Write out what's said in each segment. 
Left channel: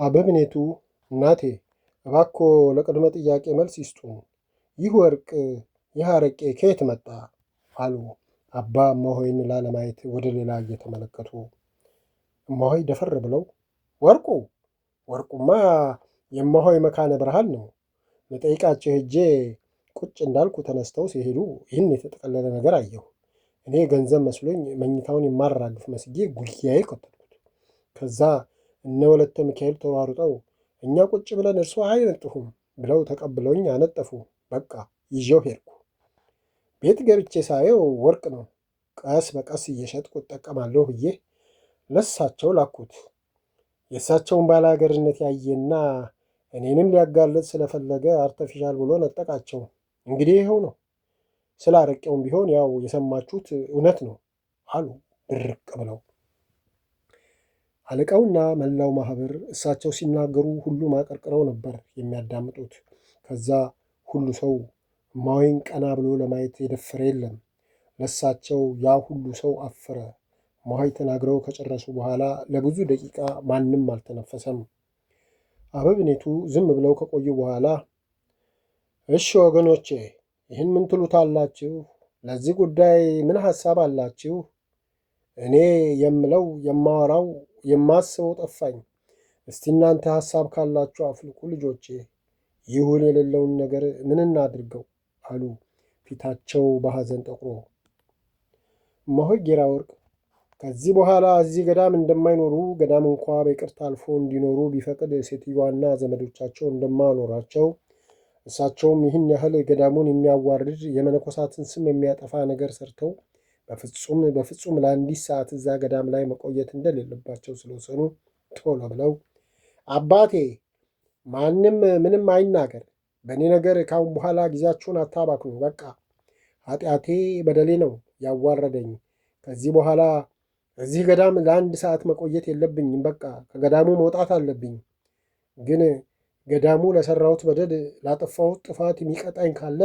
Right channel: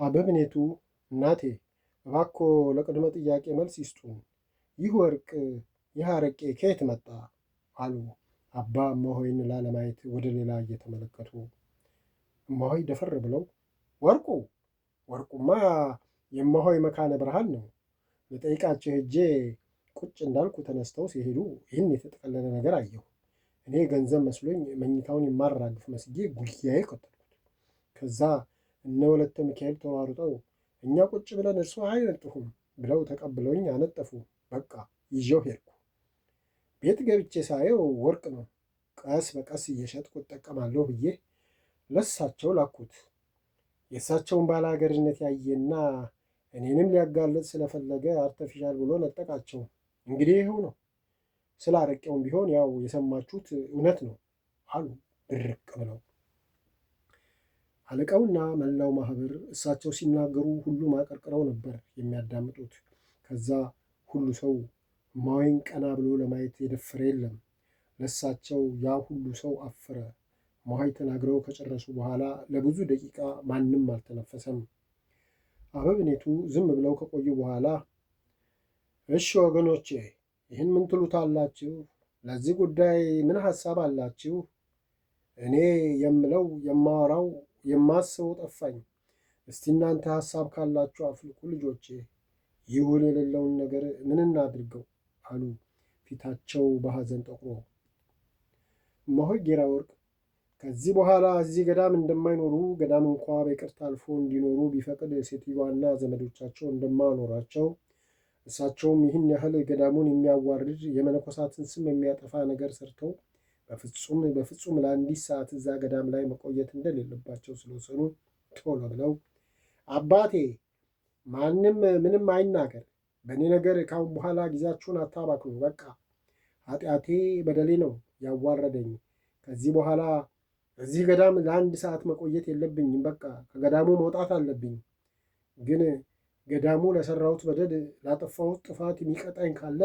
አበምኔቱ እናቴ እባክዎ ለቅድመ ጥያቄ መልስ ይስጡን። ይህ ወርቅ ይህ አረቄ ከየት መጣ? አሉ አባ እማሆይን ላለማየት ወደ ሌላ እየተመለከቱ። እማሆይ ደፈር ብለው ወርቁማ የእማሆይ መካነ ብርሃን ነው። ልጠይቃቸው ሄጄ ቁጭ እንዳልኩ ተነስተው ሲሄዱ ይህን የተጠቀለለ ነገር አየሁ። እኔ ገንዘብ መስሎኝ መኝታውን የማራግፍ መስጌ ጉያዬ ከተትኩት። ከዛ እነ ወለተ ሚካኤል ተሯሩጠው እኛ ቁጭ ብለን እርሶ አይነጥፉም ብለው ተቀብለውኝ አነጠፉ። በቃ ይዤው ሄድኩ። ቤት ገብቼ ሳየው ወርቅ ነው። ቀስ በቀስ እየሸጥኩ እጠቀማለሁ ብዬ ለሳቸው ላኩት። የእሳቸውን ባለሀገርነት ያየና እኔንም ሊያጋለጥ ስለፈለገ አርተፊሻል ብሎ ነጠቃቸው። እንግዲህ ይኸው ነው። ስለ አረቄውም ቢሆን ያው የሰማችሁት እውነት ነው አሉ ድርቅ ብለው። አለቃውና መላው ማህበር እሳቸው ሲናገሩ ሁሉም አቀርቅረው ነበር የሚያዳምጡት። ከዛ ሁሉ ሰው እማሆይን ቀና ብሎ ለማየት የደፈረ የለም። ለሳቸው ያ ሁሉ ሰው አፈረ። እማሆይ ተናግረው ከጨረሱ በኋላ ለብዙ ደቂቃ ማንም አልተነፈሰም። አበምኔቱ ዝም ብለው ከቆዩ በኋላ እሺ ወገኖቼ ይህን ምን ትሉታላችሁ? ለዚህ ጉዳይ ምን ሐሳብ አላችሁ? እኔ የምለው የማወራው የማስበው ጠፋኝ። እስቲ እናንተ ሐሳብ ካላችሁ አፍልቁ ልጆቼ። ይሁን የሌለውን ነገር ምን እናድርገው አሉ ፊታቸው በሐዘን ጠቁሮ። እማሆይ ጌራ ወርቅ ከዚህ በኋላ እዚህ ገዳም እንደማይኖሩ ገዳም እንኳ በይቅርታ አልፎ እንዲኖሩ ቢፈቅድ ሴትዮዋና ዘመዶቻቸው እንደማኖራቸው እሳቸውም ይህን ያህል ገዳሙን የሚያዋርድ የመነኮሳትን ስም የሚያጠፋ ነገር ሰርተው በፍጹም ለአንዲት ሰዓት እዛ ገዳም ላይ መቆየት እንደሌለባቸው ስለወሰኑ ቶሎ ብለው አባቴ ማንም ምንም አይናገር፣ በእኔ ነገር ካሁን በኋላ ጊዜያችሁን አታባክኑ። በቃ ኃጢአቴ በደሌ ነው ያዋረደኝ። ከዚህ በኋላ እዚህ ገዳም ለአንድ ሰዓት መቆየት የለብኝም። በቃ ከገዳሙ መውጣት አለብኝ። ግን ገዳሙ ለሠራሁት በደል ላጠፋሁት ጥፋት የሚቀጣኝ ካለ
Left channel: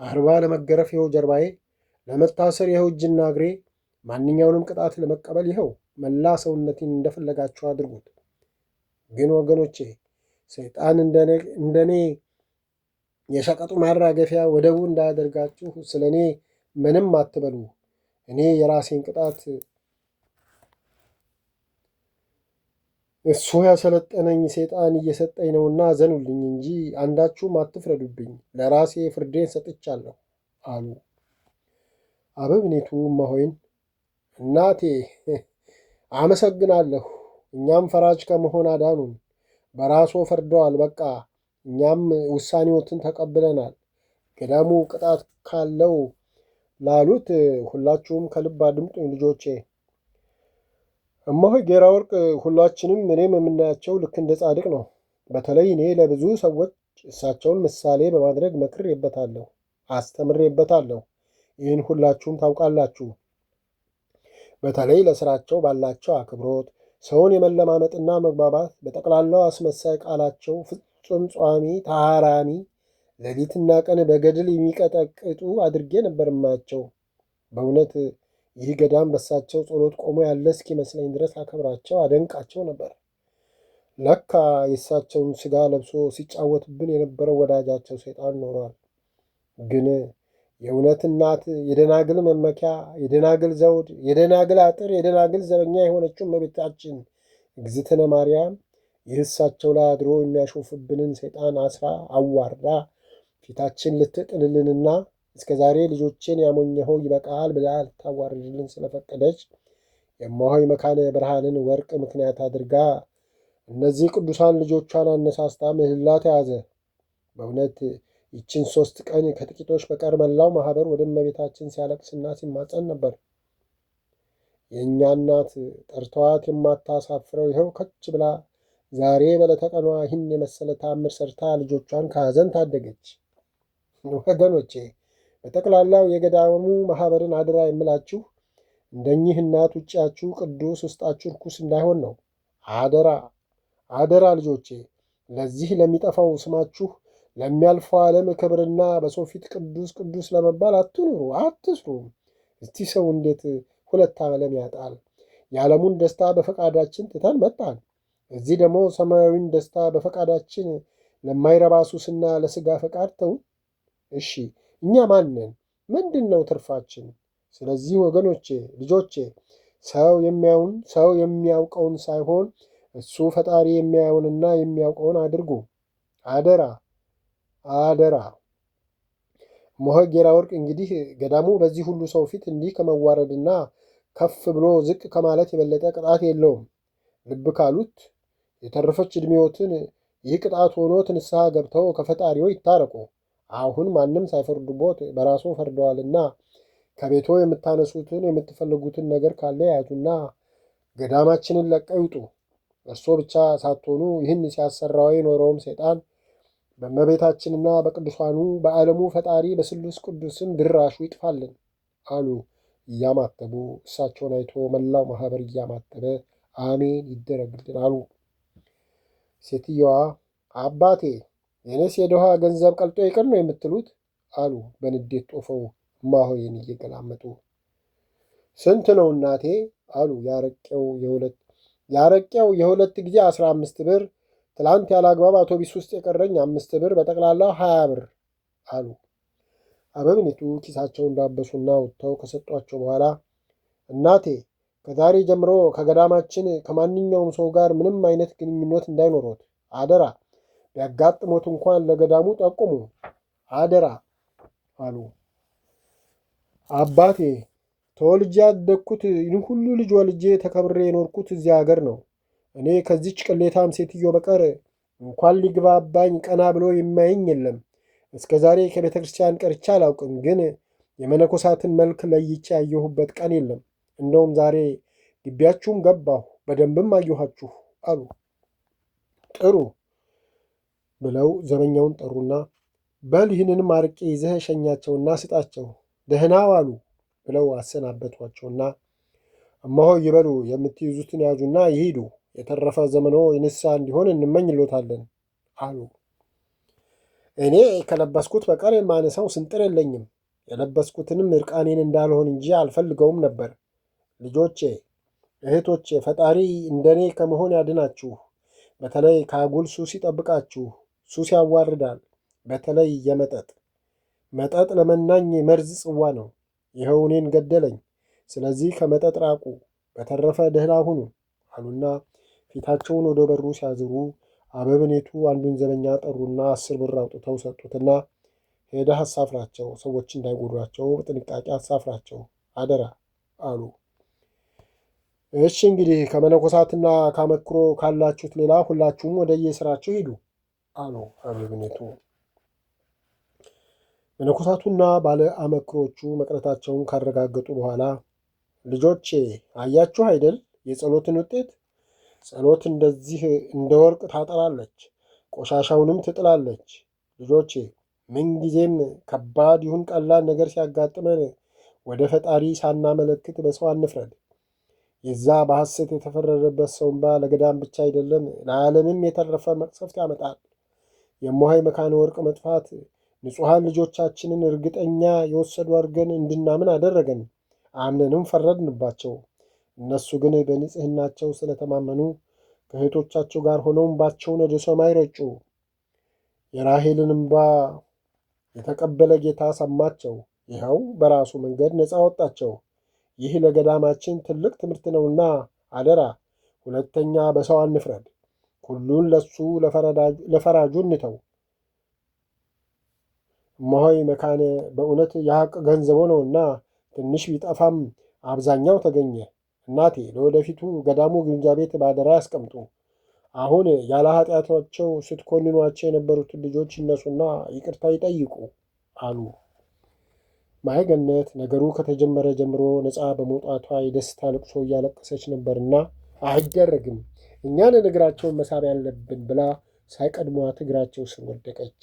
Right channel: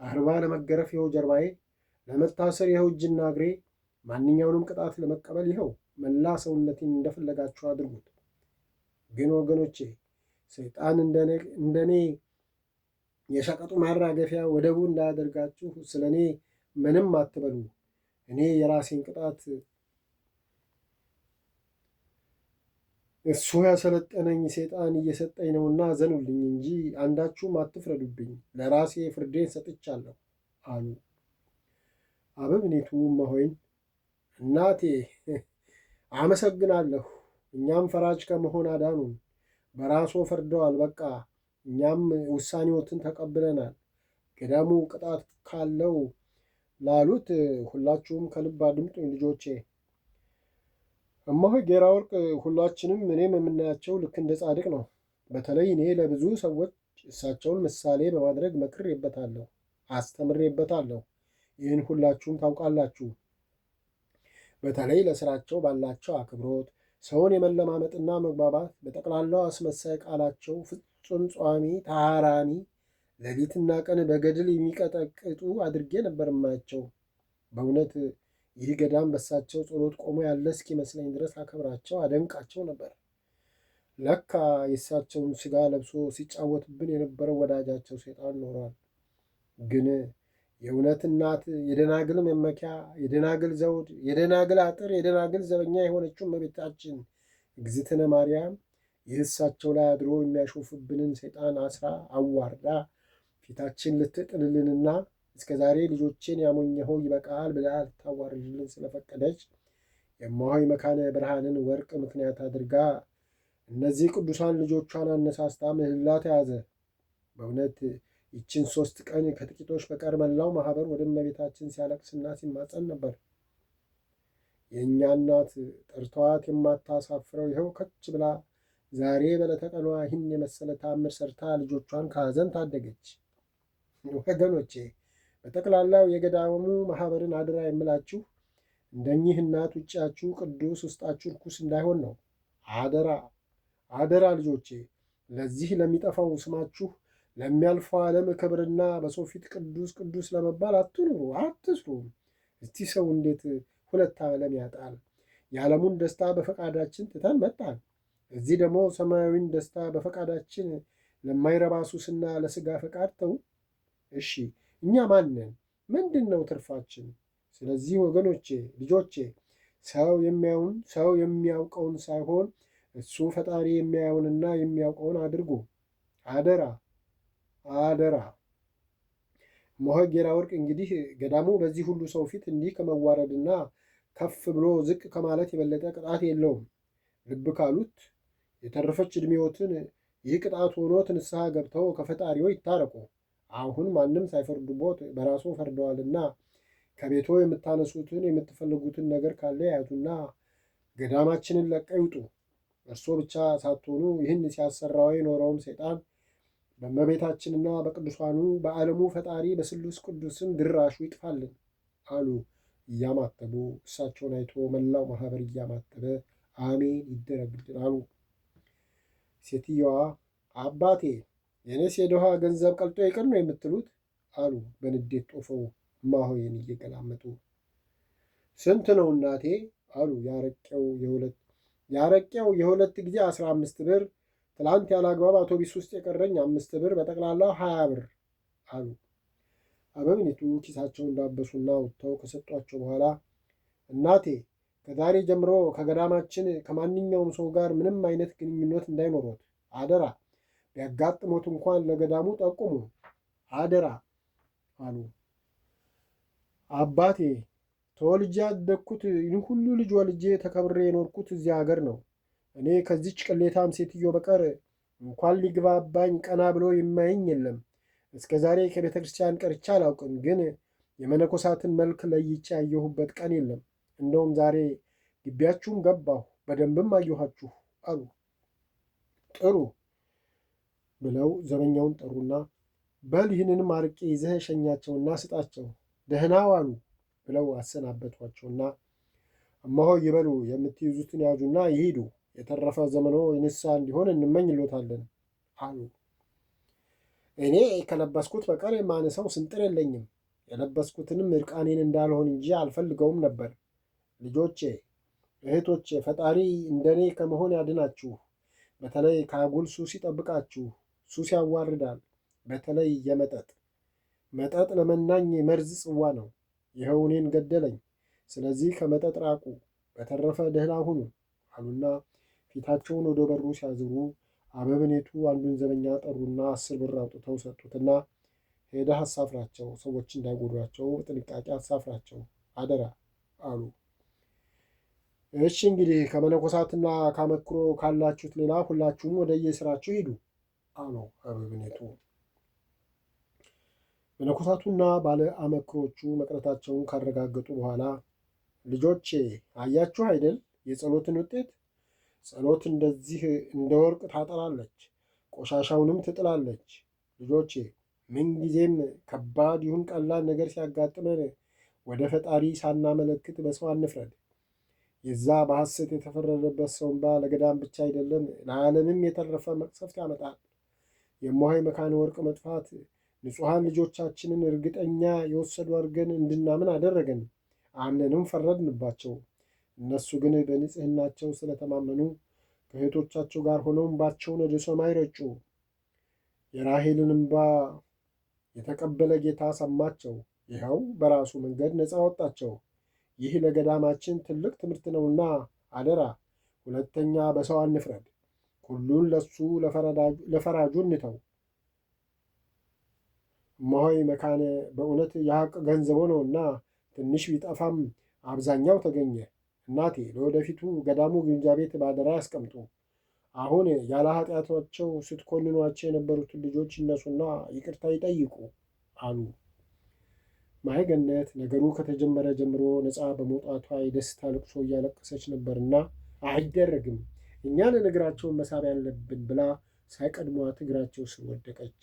40 ለመገረፍ ይኸው ጀርባዬ፣ ለመታሰር ይኸው እጅና እግሬ፣ ማንኛውንም ቅጣት ለመቀበል ይኸው መላ ሰውነቴን እንደፈለጋችሁ አድርጉት። ግን ወገኖቼ ሰይጣን እንደኔ የሸቀጡ ማራገፊያ ወደቡ እንዳያደርጋችሁ ስለ እኔ ምንም አትበሉ። እኔ የራሴን ቅጣት እሱ ያሰለጠነኝ ሰይጣን እየሰጠኝ ነውና ዘኑልኝ እንጂ አንዳችሁም አትፍረዱብኝ። ለራሴ ፍርዴን ሰጥቻለሁ አሉ። አበምኔቱ እማሆይን እናቴ አመሰግናለሁ፣ እኛም ፈራጅ ከመሆን አዳኑን። በራሶ ፈርደዋል። በቃ እኛም ውሳኔዎትን ተቀብለናል። ገዳሙ ቅጣት ካለው ላሉት ሁላችሁም ከልብ አድምጡኝ ልጆቼ። እማሆይ ጌራ ወርቅ ሁላችንም እኔም የምናያቸው ልክ እንደ ጻድቅ ነው። በተለይ እኔ ለብዙ ሰዎች እሳቸውን ምሳሌ በማድረግ መክሬበታለሁ፣ አስተምሬበታለሁ። ይህን ሁላችሁም ታውቃላችሁ። በተለይ ለስራቸው ባላቸው አክብሮት፣ ሰውን የመለማመጥና መግባባት፣ በጠቅላላው አስመሳይ ቃላቸው ፍጹም ጿሚ ታራሚ፣ ሌሊትና ቀን በገድል የሚቀጠቅጡ አድርጌ ነበር ማያቸው። በእውነት ይህ ገዳም በሳቸው ጸሎት ቆሞ ያለ እስኪመስለኝ ድረስ አከብራቸው፣ አደንቃቸው ነበር። ለካ የእሳቸውን ሥጋ ለብሶ ሲጫወትብን የነበረው ወዳጃቸው ሰይጣን ኖሯል። ግን የእውነት እናት፣ የደናግል መመኪያ፣ የደናግል ዘውድ፣ የደናግል አጥር፣ የደናግል ዘበኛ የሆነችው እመቤታችን እግዝእትነ ማርያም ይህ እሳቸው ላይ አድሮ የሚያሾፍብንን ሰይጣን አስራ አዋርዳ ፊታችን ልትጥልልንና እስከ ዛሬ ልጆቼን ያሞኘኸው ይበቃል ብላ ልታዋርድልን ስለፈቀደች የእማሆይ መካነ ብርሃንን ወርቅ ምክንያት አድርጋ እነዚህ ቅዱሳን ልጆቿን አነሳስታ ምህላ ተያዘ። በእውነት ይችን 3 ቀን ከጥቂቶች በቀር መላው ማህበር ወደ እመቤታችን ሲያለቅስና ሲማጸን ነበር። የእኛ እናት ጠርተዋት የማታሳፍረው ይኸው ከች ብላ ዛሬ በለተቀኗ ይህን የመሰለ ተአምር ሰርታ ልጆቿን ከሐዘን ታደገች። ወገኖቼ በጠቅላላው የገዳሙ ማህበርን አደራ የምላችሁ እንደኚህ እናት ውጭያችሁ ቅዱስ ውስጣችሁ ርኩስ እንዳይሆን ነው። አደራ ልጆቼ፣ ለዚህ ለሚጠፋው ስማችሁ ለሚያልፈው ዓለም ክብርና በሰው ፊት ቅዱስ ቅዱስ ለመባል አትኑሩ፣ አትስሩ። እስቲ ሰው እንዴት 2 ዓለም ያጣል? የዓለሙን ደስታ በፈቃዳችን ትተን መጣን። እዚህ ደግሞ ሰማያዊን ደስታ በፈቃዳችን ለማይረባ ሱስና ለሥጋ ፈቃድ ተውን። እሺ እኛ ማንን? ምንድን ነው ትርፋችን? ስለዚህ ወገኖቼ፣ ልጆቼ ሰው የሚያውቀውን ሳይሆን እሱ ፈጣሪ የሚያየውንና የሚያውቀውን አድርጉ። አደራ አደራ። እመሆይ ጌራ ወርቅ እንግዲህ ገዳሙ በዚህ ሁሉ ሰው ፊት እንዲህ ከመዋረድና ከፍ ብሎ ዝቅ ከማለት የበለጠ ቅጣት የለውም። ልብ ካሉት የተረፈች ዕድሜዎትን ይህ ቅጣት ሆኖት ንስሐ ገብተው ከፈጣሪዎ ይታረቁ። አሁን ማንም ሳይፈርዱቦት በራሱ ፈርደዋልና ከቤቶ የምታነሱትን የምትፈልጉትን ነገር ካለ ያዙና ገዳማችንን ለቀው ይውጡ። እርስዎ ብቻ ሳትሆኑ ይህን ሲያሰራው የኖረውም ሰይጣን በእመቤታችንና በቅዱሳኑ በዓለሙ ፈጣሪ በስሉስ ቅዱስም ድራሹ ይጥፋልን አሉ እያማተቡ። እሳቸውን አይቶ መላው ማኅበር እያማተበ አሜን ይደረግልን አሉ። ሴትየዋ አባቴ የኔስ የድሃ ገንዘብ ቀልጦ ይቅር ነው የምትሉት አሉ በንዴት ጦፈው እማሆይን እየገላመጡ። ስንት ነው እናቴ አሉ ያረቄው የሁለት ጊዜ 15 ብር፣ ትላንት ያለ አግባብ አውቶቢስ ውስጥ የቀረኝ 5 ብር፣ በጠቅላላው 20 ብር አሉ። አበምኔቱ ኪሳቸውን ዳበሱና ወጥተው ከሰጧቸው በኋላ እናቴ ከዛሬ ጀምሮ ከገዳማችን ከማንኛውም ሰው ጋር ምንም አይነት ግንኙነት እንዳይኖሮት አደራ። ቢያጋጥሞት እንኳን ለገዳሙ ጠቁሙ አደራ አሉ። አባቴ ተወልጄ ያደግኩት ይህን ሁሉ ልጅ ወልጄ ተከብሬ የኖርኩት እዚያ ሀገር ነው። እኔ ከዚች ቅሌታም ሴትዮ በቀር እንኳን ሊግባባኝ ቀና ብሎ የማየኝ የለም። እስከ ዛሬ ከቤተ ክርስቲያን ቀርቼ አላውቅም፣ ግን የመነኮሳትን መልክ ለይቼ ያየሁበት ቀን የለም። እንደውም ዛሬ ግቢያችሁም ገባሁ፣ በደንብም አየኋችሁ አሉ። ጥሩ ብለው ዘበኛውን ጠሩና በል ይህንንም አርቄ ይዘህ ሸኛቸውና ስጣቸው፣ ደህና ዋሉ ብለው አሰናበቷቸውና እማሆይ ይበሉ፣ የምትይዙትን ያዙና ይሂዱ፣ የተረፈ ዘመኖ የንስሐ እንዲሆን እንመኝሎታለን አሉ። እኔ ከለበስኩት በቀር የማነሳው ስንጥር የለኝም። የለበስኩትንም እርቃኔን እንዳልሆን እንጂ አልፈልገውም ነበር። ልጆቼ፣ እህቶቼ፣ ፈጣሪ እንደኔ ከመሆን ያድናችሁ። በተለይ ከአጉል ሱስ ይጠብቃችሁ። ሱስ ያዋርዳል። በተለይ መጠጥ ለመናኝ መርዝ ጽዋ ነው። ይኸው እኔን ገደለኝ። ስለዚህ ከመጠጥ ራቁ፣ በተረፈ ደህና ሁኑ አሉና ፊታቸውን ወደ በሩ ሲያዝሩ አበምኔቱ አንዱን ዘበኛ ጠሩና 10 ብር አውጥተው ሰጡትና ሄደህ አሳፍራቸው፣ ሰዎች እንዳይጎዷቸው በጥንቃቄ አሳፍራቸው አደራ አሉ። እሺ እንግዲህ ከመነኮሳትና ካመክሮ ካላችሁት ሌላ ሁላችሁም ወደ የስራችሁ ሂዱ አሉ አበምኔቱ። መነኮሳቱና ባለ አመክሮቹ መቅረታቸውን ካረጋገጡ በኋላ ልጆቼ አያችሁ አይደል የጸሎትን ውጤት? ጸሎት እንደዚህ እንደ ወርቅ ታጠራለች፣ ቆሻሻውንም ትጥላለች። ልጆቼ ምንጊዜም ከባድ ይሁን ቀላል ነገር ሲያጋጥመን ወደ ፈጣሪ ሳናመለክት በሰው አንፍረድ። የዛ በሐሰት የተፈረደበት ሰው እንባ ለገዳም ብቻ አይደለም ለዓለምም የተረፈ መቅሰፍት ያመጣል። የእመሆይ መካነ ወርቅ መጥፋት ንጹሐን ልጆቻችንን እርግጠኛ የወሰዱ አድርገን እንድናምን አደረገን። አምነንም ፈረድንባቸው። እነሱ ግን በንጽሕናቸው ስለተማመኑ ከእህቶቻቸው ጋር ሆነው እንባቸውን ወደ ሰማይ ረጩ። የራሔልን እንባ የተቀበለ ጌታ ሰማቸው። ይኸው በራሱ መንገድ ነፃ ወጣቸው። ይህ ለገዳማችን ትልቅ ትምህርት ነውና አደራ ሁለተኛ በሰው አንፍረድ። ሁሉን ለሱ ለፈራጁ እንተው። እመሆይ መካነ በእውነት የሐቅ ገንዘቦ ነውና ትንሽ ቢጠፋም አብዛኛው ተገኘ። እናቴ ለወደፊቱ ገዳሙ ግምጃ ቤት ባደራ ያስቀምጡ። አሁን ያለ ኃጢአታቸው ስትኮንኗቸው የነበሩትን ልጆች ይነሱና ይቅርታ ይጠይቁ አሉ። ማየገነት ነገሩ ከተጀመረ ጀምሮ ነፃ በመውጣቷ የደስታ ልቅሶ እያለቀሰች ነበርና አይደረግም፣ እኛን እግራቸውን መሳብ ያለብን ብላ ሳይቀድሟት እግራቸው ስር ወደቀች።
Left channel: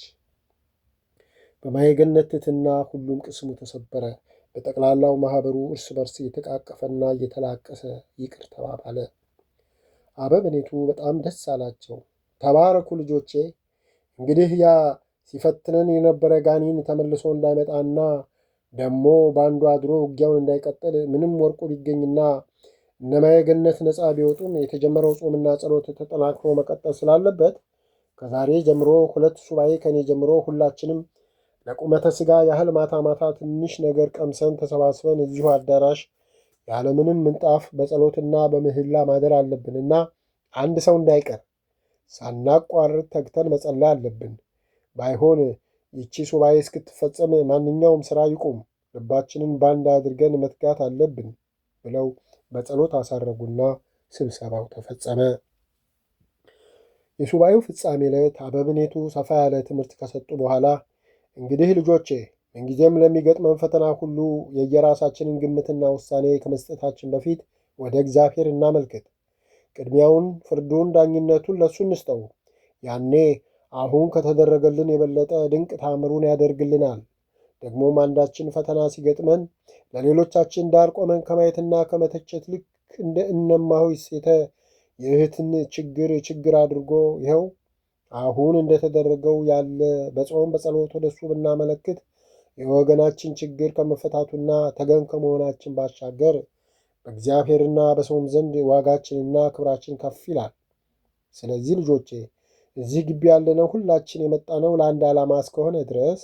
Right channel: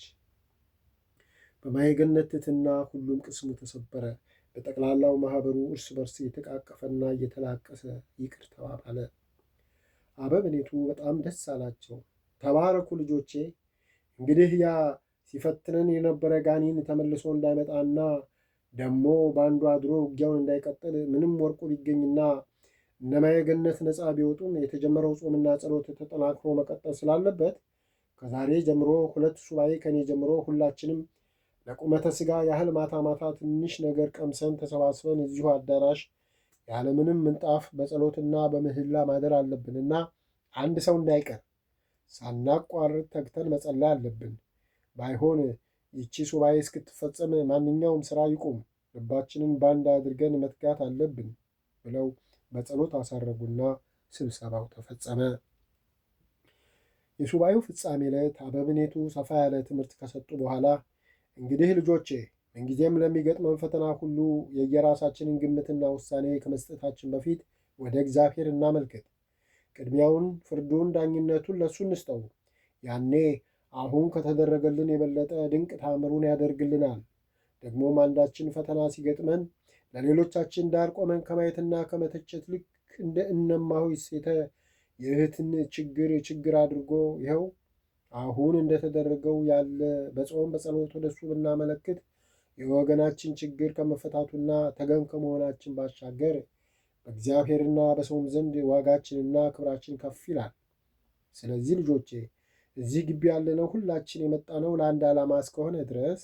በማየገነት ትሕትና ሁሉም ቅስሙ ተሰበረ። በጠቅላላው ማኅበሩ እርስ በርስ እየተቃቀፈና እየተላቀሰ ይቅር ተባባለ። አበምኔቱ በጣም ደስ አላቸው። ተባረኩ ልጆቼ፣ እንግዲህ ያ ሲፈትነን የነበረ ጋኔን ተመልሶ እንዳይመጣና ደግሞ በአንዱ አድሮ ውጊያውን እንዳይቀጥል ምንም ወርቁ ቢገኝና እነ ማየ ገነት ነፃ ቢወጡም የተጀመረው ጾምና ጸሎት ተጠናክሮ መቀጠል ስላለበት ከዛሬ ጀምሮ 2 ሱባኤ ከኔ ጀምሮ ሁላችንም ለቁመተ ሥጋ ያህል ማታ ማታ ትንሽ ነገር ቀምሰን ተሰባስበን እዚሁ አዳራሽ ያለምንም ምንጣፍ በጸሎትና በምህላ ማደር አለብንና አንድ ሰው እንዳይቀር ሳናቋርጥ ተግተን መጸለይ አለብን። ባይሆን ይቺ ሱባኤ እስክትፈጸም ማንኛውም ሥራ ይቁም፣ ልባችንን ባንድ አድርገን መትጋት አለብን ብለው በጸሎት አሳረጉና ስብሰባው ተፈጸመ። የሱባኤው ፍጻሜ ዕለት አበምኔቱ ሰፋ ያለ ትምህርት ከሰጡ በኋላ እንግዲህ ልጆቼ ምንጊዜም ለሚገጥመን ፈተና ሁሉ የየራሳችንን ግምትና ውሳኔ ከመስጠታችን በፊት ወደ እግዚአብሔር እናመልክት። ቅድሚያውን፣ ፍርዱን፣ ዳኝነቱን ለእሱ እንስጠው። ያኔ አሁን ከተደረገልን የበለጠ ድንቅ ታምሩን ያደርግልናል። ደግሞም አንዳችን ፈተና ሲገጥመን ለሌሎቻችን ዳር ቆመን ከማየትና ከመተቸት ልክ እንደ እነማሆይ ሴተ የእህትን ችግር አድርጎ ይኸው አሁን እንደተደረገው ያለ በጾም በጸሎት ወደሱ ብናመለክት የወገናችን ችግር ከመፈታቱና ተገን ከመሆናችን ባሻገር በእግዚአብሔርና በሰውም ዘንድ ዋጋችንና ክብራችን ከፍ ይላል። ስለዚህ ልጆቼ እዚህ ግቢ ያለነው ሁላችን የመጣነው ለአንድ ዓላማ እስከሆነ ድረስ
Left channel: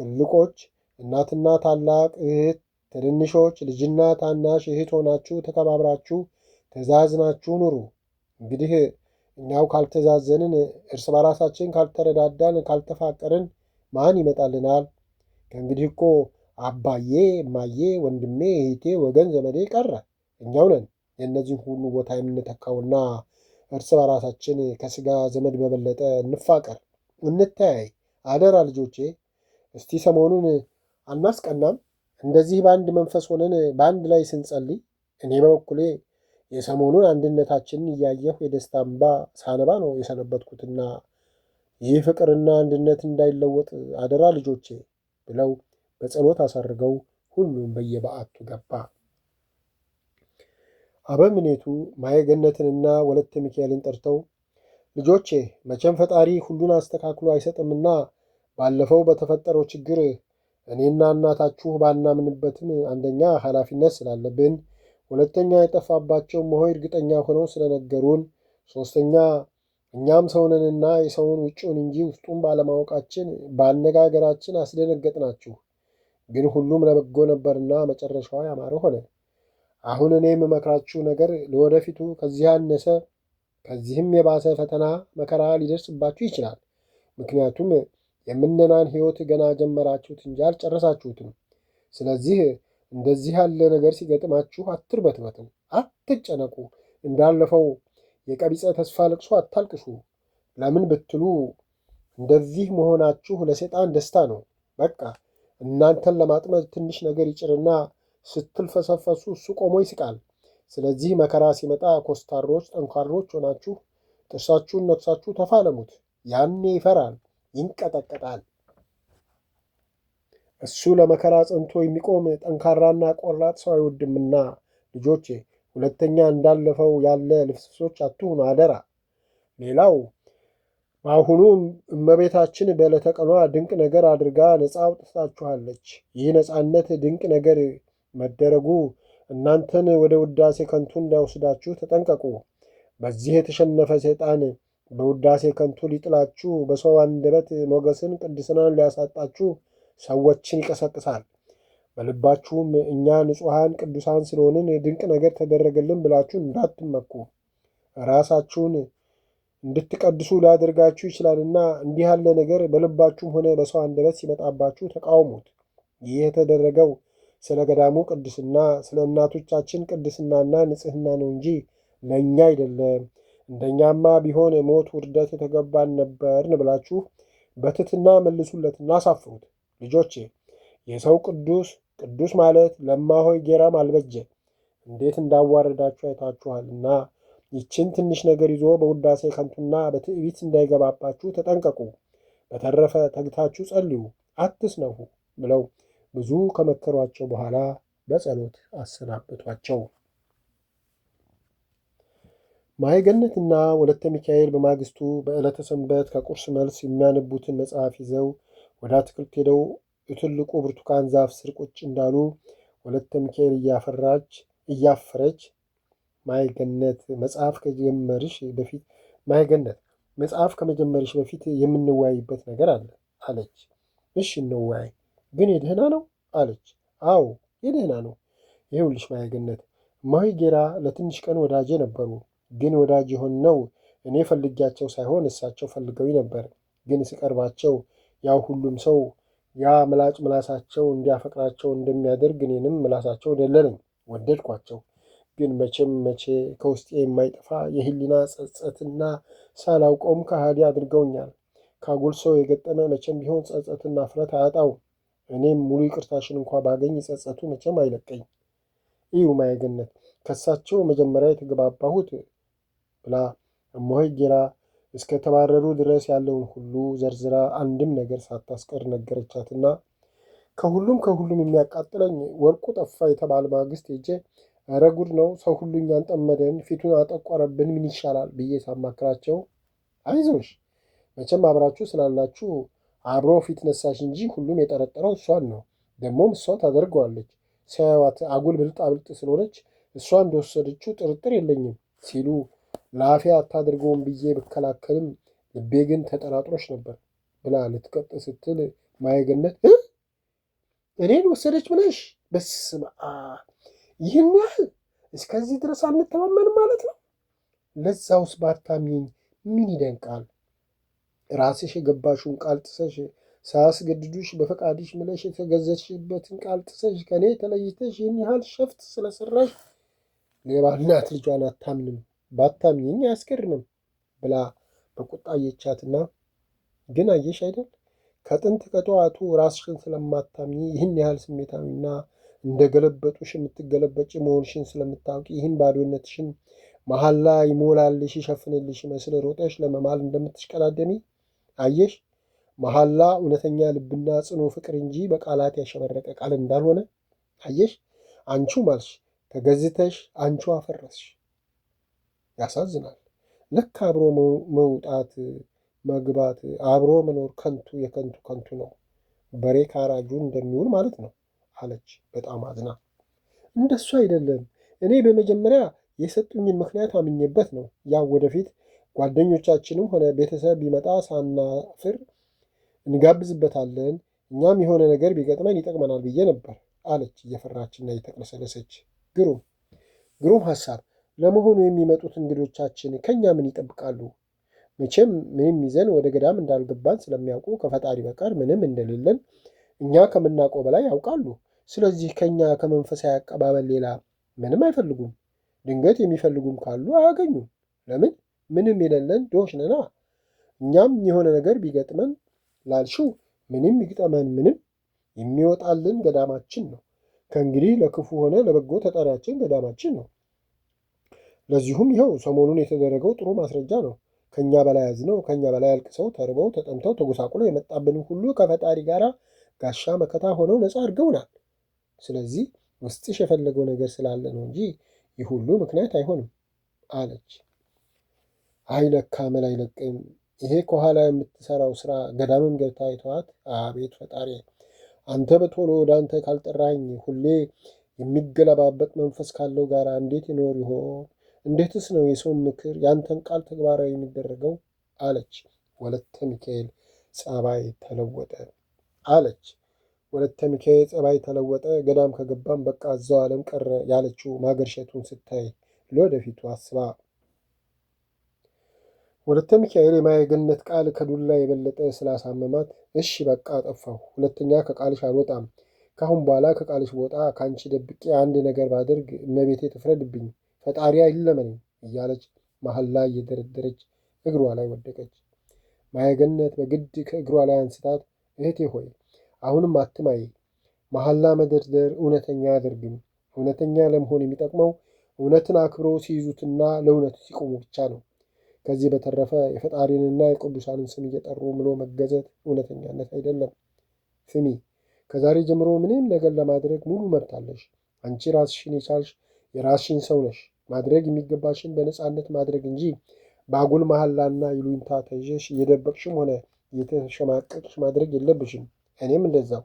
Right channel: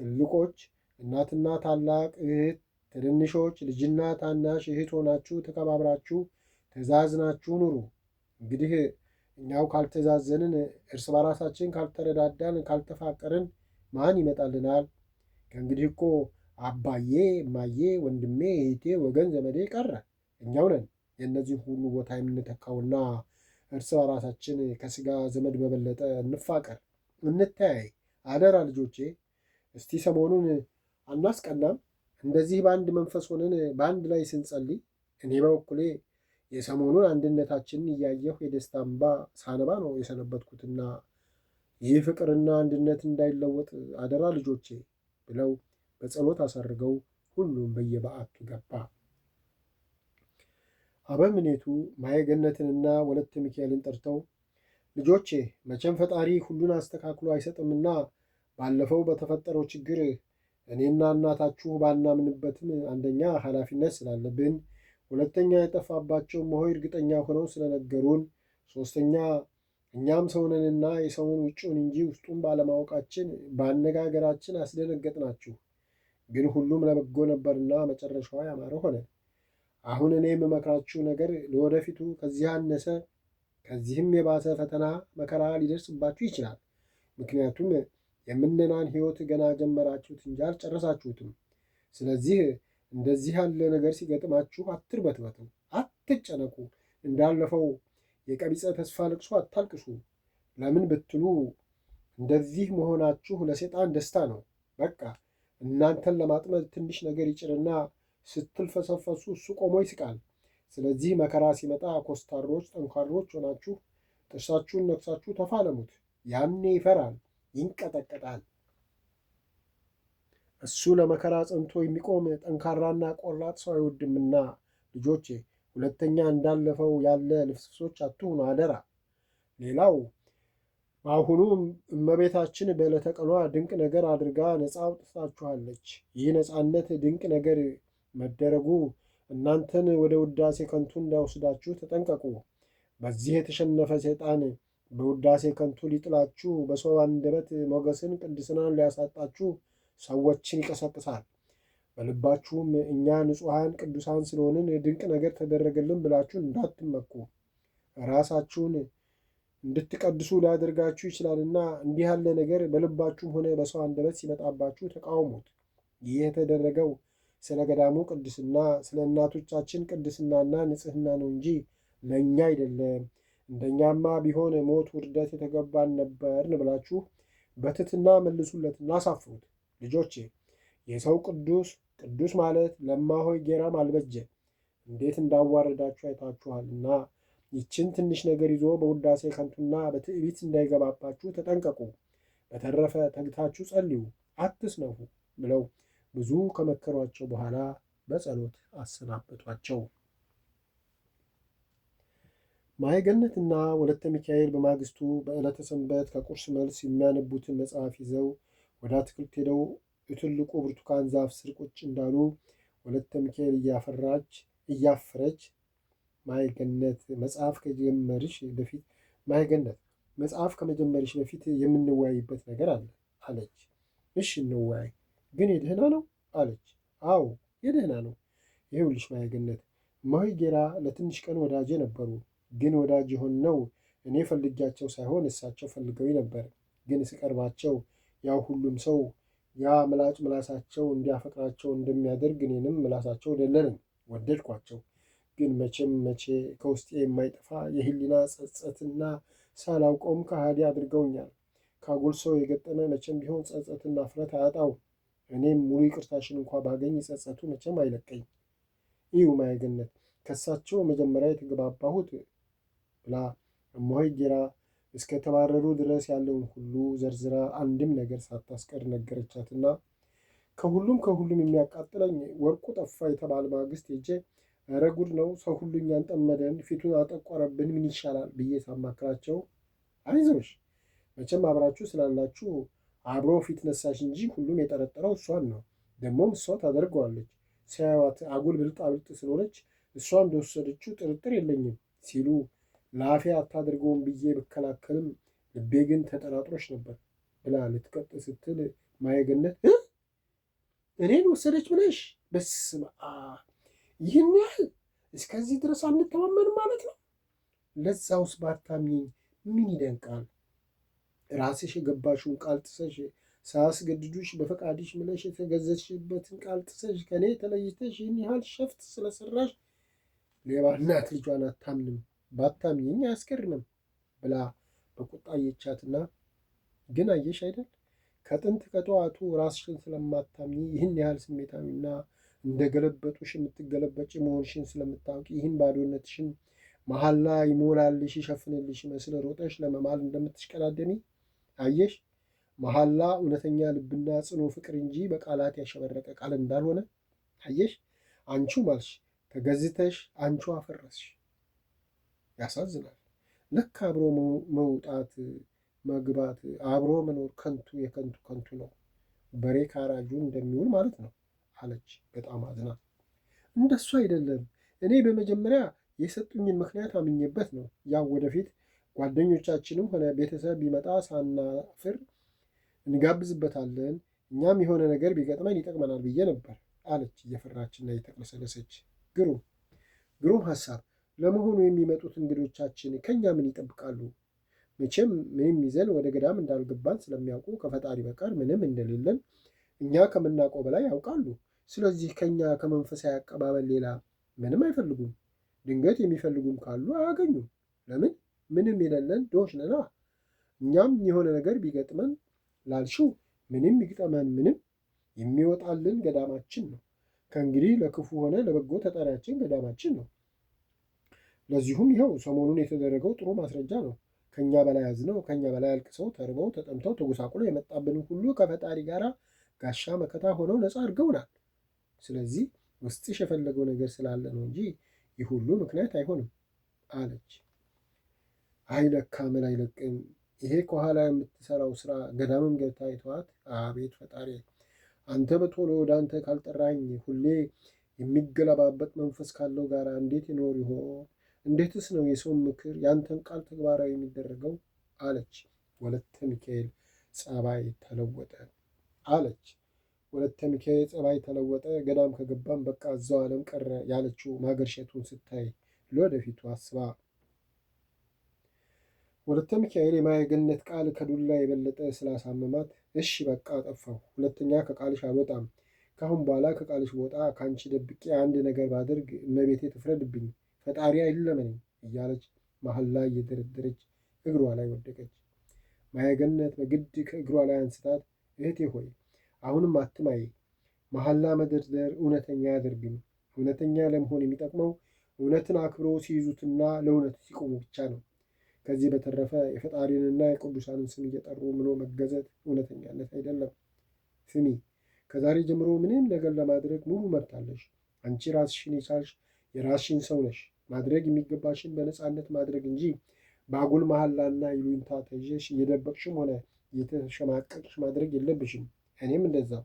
ትልቆች እናትና ታላቅ እህት፣ ትንንሾች ልጅና ታናሽ እህት ሆናችሁ ተከባብራችሁ ተዛዝናችሁ ኑሩ። እንግዲህ እኛው ካልተዛዘንን፣ እርስ በራሳችን ካልተረዳዳን፣ ካልተፋቀርን ማን ይመጣልናል? ከእንግዲህ እኮ አባዬ፣ እማዬ፣ ወንድሜ፣ እህቴ፣ ወገን ዘመዴ ቀረ። እኛው ነን የእነዚህን ሁሉ ቦታ የምንተካውና እርስ በራሳችን ከሥጋ ዘመድ በበለጠ እንፋቀር፣ እንተያይ። አደራ ልጆቼ፣ እስቲ ሰሞኑን አናስቀናም? እንደዚህ በአንድ መንፈስ ሆነን በአንድ ላይ ስንጸልይ እኔ በበኩሌ የሰሞኑን አንድነታችንን እያየሁ የደስታ እንባ ሳነባ ነው የሰነበትኩትና ይህ ፍቅርና አንድነት እንዳይለወጥ አደራ ልጆቼ ብለው በጸሎት አሳርገው ሁሉም በየበዓቱ ገባ። አበምኔቱ ማየገነትንና ወለተ ሚካኤልን ጠርተው ልጆቼ መቼም ፈጣሪ ሁሉን አስተካክሎ አይሰጥምና ባለፈው በተፈጠረው ችግር እኔና እናታችሁ ባናምንበትም አንደኛ ኃላፊነት ስላለብን፣ ሁለተኛ የጠፋባቸው መሆይ እርግጠኛ ሆነው ስለነገሩን፣ ሦስተኛ እኛም ሰውነንና የሰውን ውጭውን እንጂ ውስጡን ባለማወቃችን በአነጋገራችን አስደነገጥናችሁ። ግን ሁሉም ለበጎ ነበርና መጨረሻው ያማረ ሆነ። አሁን እኔ የምመክራችሁ ነገር ለወደፊቱ ከዚህ ያነሰ ከዚህም የባሰ ፈተና መከራ ሊደርስባችሁ ይችላል። ምክንያቱም የምነናን ሕይወት ገና ጀመራችሁት እንጂ አልጨረሳችሁትም። ስለዚህ እንደዚህ ያለ ነገር ሲገጥማችሁ አትርበትበቱ፣ አትጨነቁ። እንዳለፈው የቀቢጸ ተስፋ ልቅሶ አታልቅሱ። ለምን ብትሉ እንደዚህ መሆናችሁ ለሰይጣን ደስታ ነው። በቃ እናንተን ለማጥመድ ትንሽ ነገር ይጭርና ስትልፈሰፈሱ እሱ ቆሞ ይስቃል። ስለዚህ መከራ ሲመጣ ኮስታሮች፣ ጠንካሮች ሆናችሁ ጥርሳችሁን ነክሳችሁ ተፋለሙት። ያኔ ይፈራል፣ ይንቀጠቀጣል። እሱ ለመከራ ጸንቶ የሚቆም ጠንካራና ቆራጥ ሰው አይወድምና ልጆቼ ሁለተኛ እንዳለፈው ያለ ልፍስፍሶች አትሁኑ አደራ። ሌላው በአሁኑ እመቤታችን በዕለተ ቀኗ ድንቅ ነገር አድርጋ ነፃ አውጥታችኋለች። ይህ ነፃነት ድንቅ ነገር መደረጉ እናንተን ወደ ውዳሴ ከንቱ እንዳይወስዳችሁ ተጠንቀቁ። በዚህ የተሸነፈ ሰይጣን በውዳሴ ከንቱ ሊጥላችሁ፣ በሰው አንደበት ሞገስን ቅድስናን ሊያሳጣችሁ ሰዎችን ይቀሰቅሳል። በልባችሁም እኛ ንጹሐን ቅዱሳን ስለሆንን ድንቅ ነገር ተደረገልን ብላችሁ እንዳትመኩ፣ ራሳችሁን እንድትቀድሱ ሊያደርጋችሁ ይችላልና እንዲህ ያለ ነገር በልባችሁም ሆነ በሰው አንደበት ሲመጣባችሁ ተቃውሙት። ይህ የተደረገው ስለ ገዳሙ ቅድስና፣ ስለ እናቶቻችን ቅድስናና ንጽሕና ነው እንጂ ለእኛ አይደለም። እንደኛማ ቢሆን ሞት፣ ውርደት የተገባን ነበርን ብላችሁ በትሕትና መልሱለትና አሳፍሩት። ልጆቼ የሰው ቅዱስ ማለት ለማሆይ ጌራም አልበጀ እንዴት እንዳዋረዳችሁ አይታችኋልና ይችን ትንሽ ነገር ይዞ በውዳሴ ከንቱና በትዕቢት እንዳይገባባችሁ ተጠንቀቁ። በተረፈ ተግታችሁ ጸልዩ፣ አትስነፉ ብለው ብዙ ከመከሯቸው በኋላ በጸሎት አሰናበቷቸው። ማየገነትና ወለተ ሚካኤል በማግስቱ በዕለተ ሰንበት ከቁርስ መልስ የሚያነቡትን መጽሐፍ ይዘው ወደ አትክልት ሄደው የትልቁ ብርቱካን ዛፍ ስር ቁጭ እንዳሉ ወለተ ሚካኤል እያፈረች ማይገነት መጽሐፍ ከመጀመርሽ በፊት የምንወያይበት ነገር አለ አለች። እሺ እንወያይ። ግን የደህና ነው አለች። አዎ የደህና ነው። ይኸውልሽ ማየገነት እማሆይ ጌራ ለትንሽ ቀን ወዳጄ ነበሩ። ግን ወዳጅ የሆንነው እኔ ፈልጊያቸው ሳይሆን እሳቸው ፈልገውኝ ነበር። ግን ስቀርባቸው ያው ሁሉም ሰው ያ ምላጭ ምላሳቸው እንዲያፈቅራቸው እንደሚያደርግ እኔንም ምላሳቸው ደለለኝ፣ ወደድኳቸው። ግን መቼም መቼ ከውስጤ የማይጠፋ የህሊና ጸጸትና ሳላውቀውም ከሃዲ አድርገውኛል። ካጉል ሰው የገጠመ መቼም ቢሆን ጸጸትና እፍረት አያጣው። እኔም ሙሉ ይቅርታሽን እንኳ ባገኝ ጸጸቱ መቼም አይለቀኝ። እዩ ማየገነት ከሳቸው መጀመሪያ የተገባባሁት ብላ እማሆይ ጌራ እስከ ተባረሩ ድረስ ያለውን ሁሉ ዘርዝራ አንድም ነገር ሳታስቀር ነገረቻትና ከሁሉም የሚያቃጥለኝ ወርቁ ጠፋ የተባለ ማግስት ሄጄ ኧረ ጉድ ነው፣ ሰው ሁሉ እኛን ጠመደን፣ ፊቱን አጠቆረብን፣ ምን ይሻላል ብዬ ሳማክራቸው አይዞሽ መቼም አብራችሁ ስላላችሁ አብሮ ፊት ነሳሽ እንጂ ሁሉም የጠረጠረው እሷን ነው። ደግሞም እሷ ታደርገዋለች። ሲያዩዋት አጉል ብልጣ ብልጥ ስለሆነች እሷ እንደወሰደችው ጥርጥር የለኝም ሲሉ ለአፌ አታድርገውም ብዬ ብከላከልም ልቤ ግን ተጠራጥሮች ነበር ብላ ልትቀጥ ስትል ማየገነት እኔን ወሰደች ብለሽ በስመ አብ ይህን ያህል እስከዚህ ድረስ አንተማመንም ማለት ነው? ለዛውስ ባታምኚኝ ምን ይደንቃል? ራስሽ የገባሽውን ቃል ጥሰሽ ሳያስገድዱሽ በፈቃድሽ ምለሽ የተገዘሽበትን ቃል ጥሰሽ ከእኔ ተለይተሽ ይህን ያህል ሸፍት ስለሰራሽ ሌባ እናት ልጇን አታምንም፣ ባታምኚኝ አያስገርምም ብላ በቁጣ አየቻትና ግን አየሽ አይደል ከጥንት ከጠዋቱ ራስሽን ስለማታምኚ ይህን ያህል ስሜታዊና እንደ ገለበጡሽ የምትገለበጭ መሆንሽን ስለምታውቂ ይህን ባዶነትሽን መሐላ ይሞላልሽ ይሸፍንልሽ መስል ሮጠሽ ለመማል እንደምትሽቀዳደሚ አየሽ። መሐላ እውነተኛ ልብና ጽኑ ፍቅር እንጂ በቃላት ያሸበረቀ ቃል እንዳልሆነ አየሽ። አንቺው ማልሽ፣ ተገዝተሽ አንቺው አፈረስሽ። ያሳዝናል። ልክ አብሮ መውጣት መግባት፣ አብሮ መኖር ከንቱ የከንቱ ከንቱ ነው። በሬ ካራጁ እንደሚውል ማለት ነው አለች በጣም አዝና። እንደሱ አይደለም። እኔ በመጀመሪያ የሰጡኝን ምክንያት አምኜበት ነው። ያው ወደፊት ጓደኞቻችንም ሆነ ቤተሰብ ቢመጣ ሳናፍር እንጋብዝበታለን፣ እኛም የሆነ ነገር ቢገጥመን ይጠቅመናል ብዬ ነበር አለች እየፈራችና እየተቅለሰለሰች። ግሩም ሐሳብ። ለመሆኑ የሚመጡት እንግዶቻችን ከእኛ ምን ይጠብቃሉ? መቼም ምንም ይዘን ወደ ገዳም እንዳልገባን ስለሚያውቁ ከፈጣሪ በቀር ምንም እንደሌለን እኛ ከምናውቀው በላይ ያውቃሉ። ስለዚህ ከእኛ ከመንፈሳዊ አቀባበል ሌላ ምንም አይፈልጉም። ድንገት የሚፈልጉም ካሉ አያገኙም። ለምን? ምንም የሌለን ድሆች ነና። እኛም የሆነ ነገር ቢገጥመን ላልሽው ምንም ይግጠመን ምንም የሚወጣልን ገዳማችን ነው። ከእንግዲህ ለክፉ ሆነ ለበጎ ተጠሪያችን ገዳማችን ነው። ለዚሁም ይኸው ሰሞኑን የተደረገው ጥሩ ማስረጃ ነው። ከእኛ በላይ አዝነው ከእኛ በላይ አልቅሰው ተርበው ተጠምተው ተጎሳቁለው የመጣብንን ሁሉ ከፈጣሪ ጋር ጋሻ መከታ ሆነው ነፃ አድርገውናል። ስለዚህ ውስጥሽ የፈለገው ነገር ስላለ ነው እንጂ ይህ ሁሉ ምክንያት አይሆንም አለች። አይለካ መል አይለቅም። ይሄ ከኋላ የምትሰራው ስራ ገዳምም ገብታ አይተዋት። አቤት ፈጣሪ፣ አንተ በቶሎ ወደ አንተ ካልጠራኝ ሁሌ የሚገለባበጥ መንፈስ ካለው ጋር እንዴት ይኖር ይሆን? እንዴትስ ነው የሰውን ምክር ያንተን ቃል ተግባራዊ የሚደረገው? አለች ወለተ ሚካኤል ጸባይ ተለወጠ አለች ወለተ ሚካኤል ጸባይ ተለወጠ። ገዳም ከገባም በቃ እዛው ዓለም ቀረ ያለችው ማገርሸቱን ስታይ ለወደፊቱ አስባ ወለተ ሚካኤል የማየገነት ቃል ከዱላ የበለጠ ስላሳመማት እሺ በቃ ጠፋሁ፣ ሁለተኛ ከቃልሽ አልወጣም። ካሁን በኋላ ከቃልሽ ወጣ ከአንቺ ደብቄ አንድ ነገር ባደርግ እመቤቴ ትፍረድብኝ፣ ፈጣሪ አይለመነኝ እያለች መሐላ እየደረደረች እግሯ ላይ ወደቀች። ማየገነት በግድ ከእግሯ ላይ አንስታት እህቴ ሆይ አሁንም አትማይ፣ መሐላ መደርደር እውነተኛ አያደርግም። እውነተኛ ለመሆን የሚጠቅመው እውነትን አክብሮ ሲይዙትና ለእውነቱ ሲቆሙ ብቻ ነው። ከዚህ በተረፈ የፈጣሪንና የቅዱሳንን ስም እየጠሩ ምሎ መገዘት እውነተኛነት አይደለም። ስሚ፣ ከዛሬ ጀምሮ ምንም ነገር ለማድረግ ሙሉ መብት አለሽ። አንቺ ራስሽን የቻልሽ የራስሽን ሰው ነሽ። ማድረግ የሚገባሽን በነፃነት ማድረግ እንጂ በአጉል መሐላና ይሉኝታ ተይዘሽ እየደበቅሽም ሆነ እየተሸማቀቅሽ ማድረግ የለብሽም። እኔም እንደዛው።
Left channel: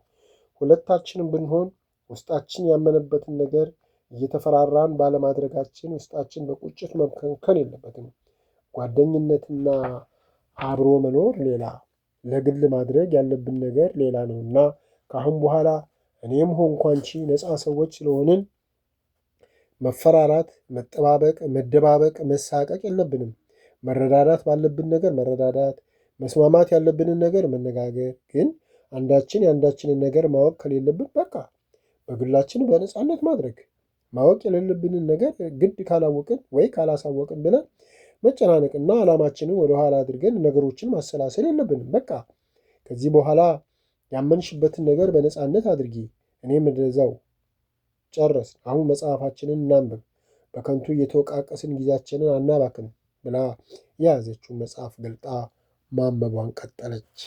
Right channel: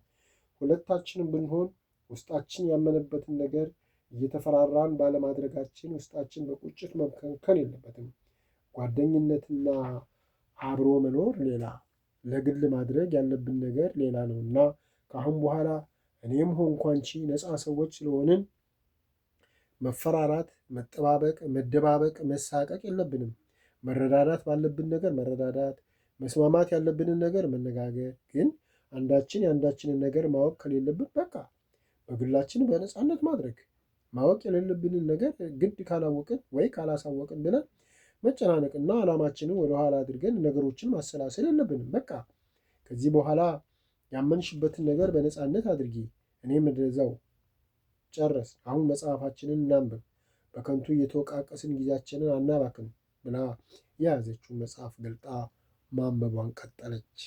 ሁለታችንም ብንሆን ውስጣችን ያመነበትን ነገር እየተፈራራን ባለማድረጋችን ውስጣችን በቁጭት መከንከን የለበትም። ጓደኝነትና አብሮ መኖር ሌላ፣ ለግል ማድረግ ያለብን ነገር ሌላ ነውና ከአሁን በኋላ እኔም ሆንኩ አንቺ ነፃ ሰዎች ስለሆንን መፈራራት፣ መጠባበቅ፣ መደባበቅ፣ መሳቀቅ የለብንም። መረዳዳት ባለብን ነገር መረዳዳት፣ መስማማት ያለብንን ነገር መነጋገር። ግን አንዳችን የአንዳችንን ነገር ማወቅ ከሌለብን በቃ በግላችን በነፃነት ማድረግ። ማወቅ የሌለብንን ነገር ግድ ካላወቅን ወይ ካላሳወቅን ብለን መጨናነቅና ዓላማችንን ወደኋላ አድርገን ነገሮችን ማሰላሰል የለብንም። በቃ ከዚህ በኋላ ያመንሽበትን ነገር በነፃነት አድርጊ፣ እኔም እንደዛው ጨረስ። አሁን መጽሐፋችንን እናንብብ፣ በከንቱ እየተወቃቀስን ጊዜያችንን አናባክን ብላ የያዘችውን መጽሐፍ ገልጣ ማንበቧን ቀጠለች።